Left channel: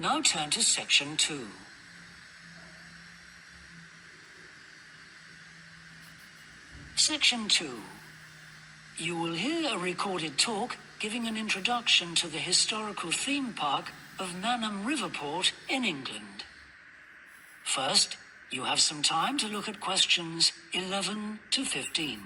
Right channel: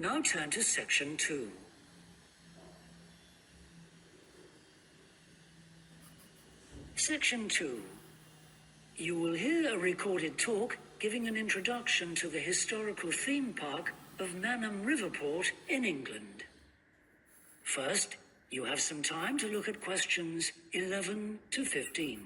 Now turn to Section 2. Section 2. You will hear a recorded talk giving an introduction to the historical theme park of Manham Riverport in England. First, you have some time to look at questions 11 to 15.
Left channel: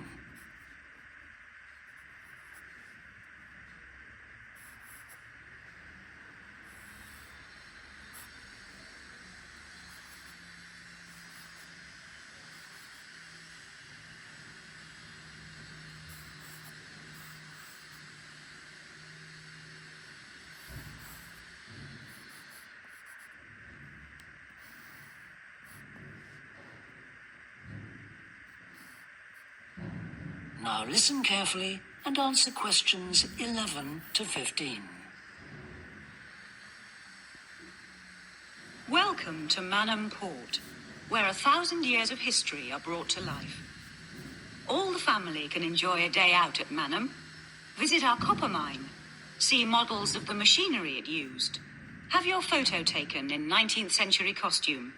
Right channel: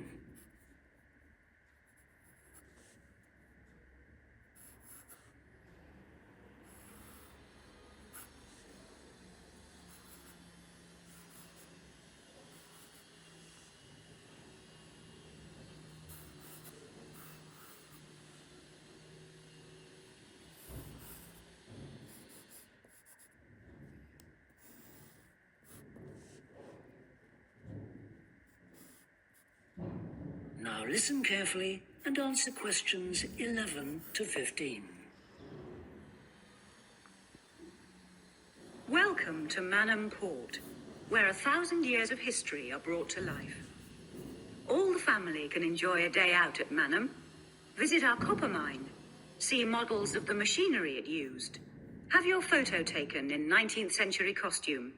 Now listen carefully and answer questions 11 to 15. Welcome to Manham Port, where 1,000 years of history are brought to life. All the family can enjoy a day out at Manham, visit our copper mine, see models of the machinery it used, have your photo taken in 19th century costume,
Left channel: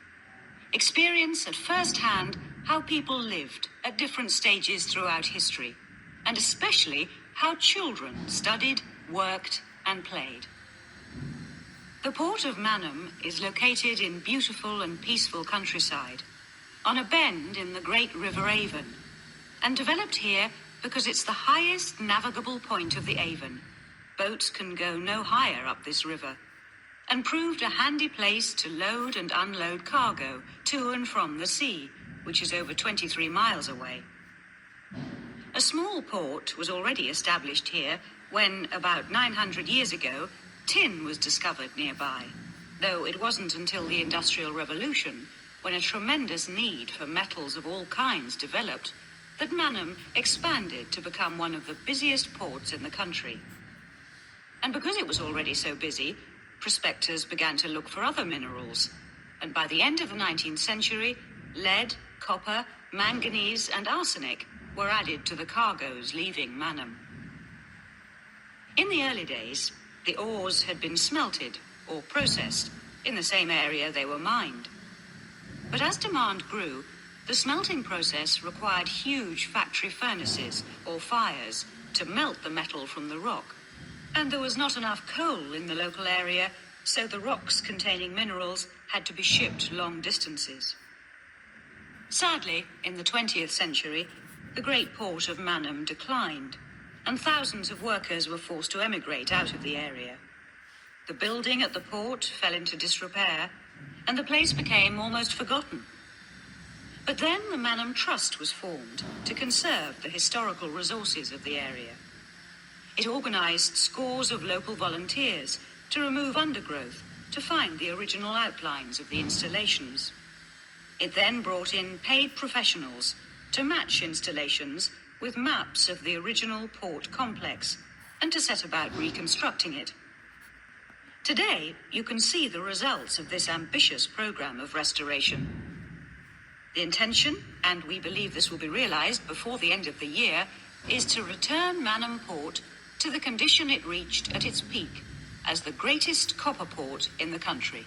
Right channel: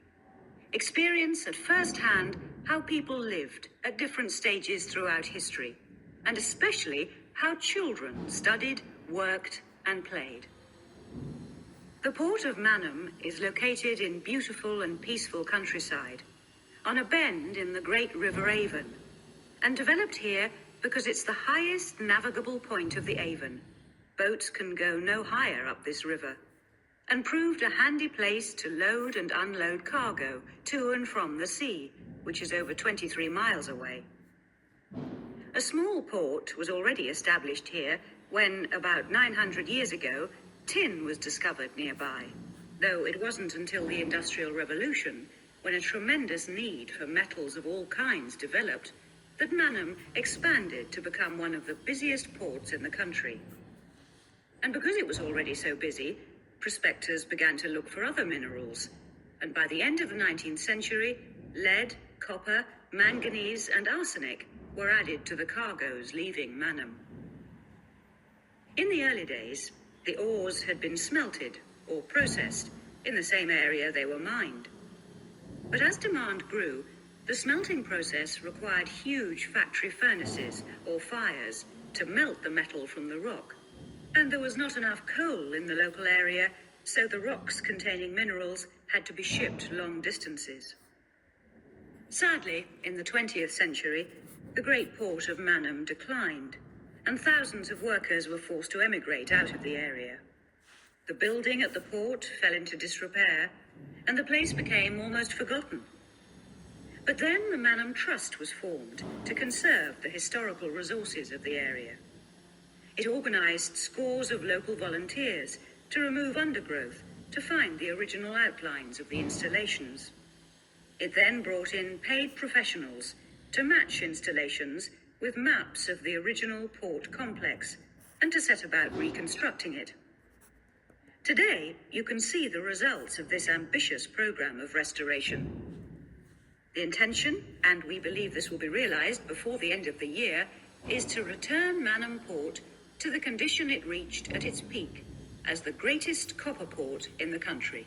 experience at first hand how people lived at different stages throughout history, and especially how children studied, worked, and played. The port of Manham is located in beautiful and peaceful countryside, on a bend in the great River Avon, and developed here because it's the highest navigable point of the Avon. Boats can go no higher up this river, and proved a handy place to load and unload cargo to and from the sea, which is over 23 miles away. A small port was already established here when, about 900 years ago, tin was discovered nearby, though it wasn't until the Industrial Revolution, when a tremendous need for metals of all kinds developed, that Manham expanded to become one of the busiest ports in the country. And because it was already so busy, prospectors began to look for other minerals, and by the end of the 19th century, lead, copper, manganese, and arsenic were added to the cargoes leaving Manham. In the early days, the ores had been smelted or processed in the same area they were mined. But as demand grew, the smelting process required huge factory furnaces or fires to melt the metal from the rock. And there was not enough coal in the local area, so the rocks containing minerals had to be shipped long distances. Sadly, in the 20th century, the great port of Manham declined, and thousands of workers were forced to emigrate out of the area. The building at the port fell into disrepair, and the place became almost forgotten. But then the Manham Trust was formed to conserve the historical resources of the area. It organized scores of local volunteers to remove undergrowth, to find the original outlines of the installations. It then brought in paid professionals to match installations with maps of the original port complex and to set about reconstructing it. Today, you can see the results of this ambitious program of restoration. The intention, and we believe this will be realized before the end of the year, is to return Manham Port to the condition it reached at its peak as the greatest copper port in the country.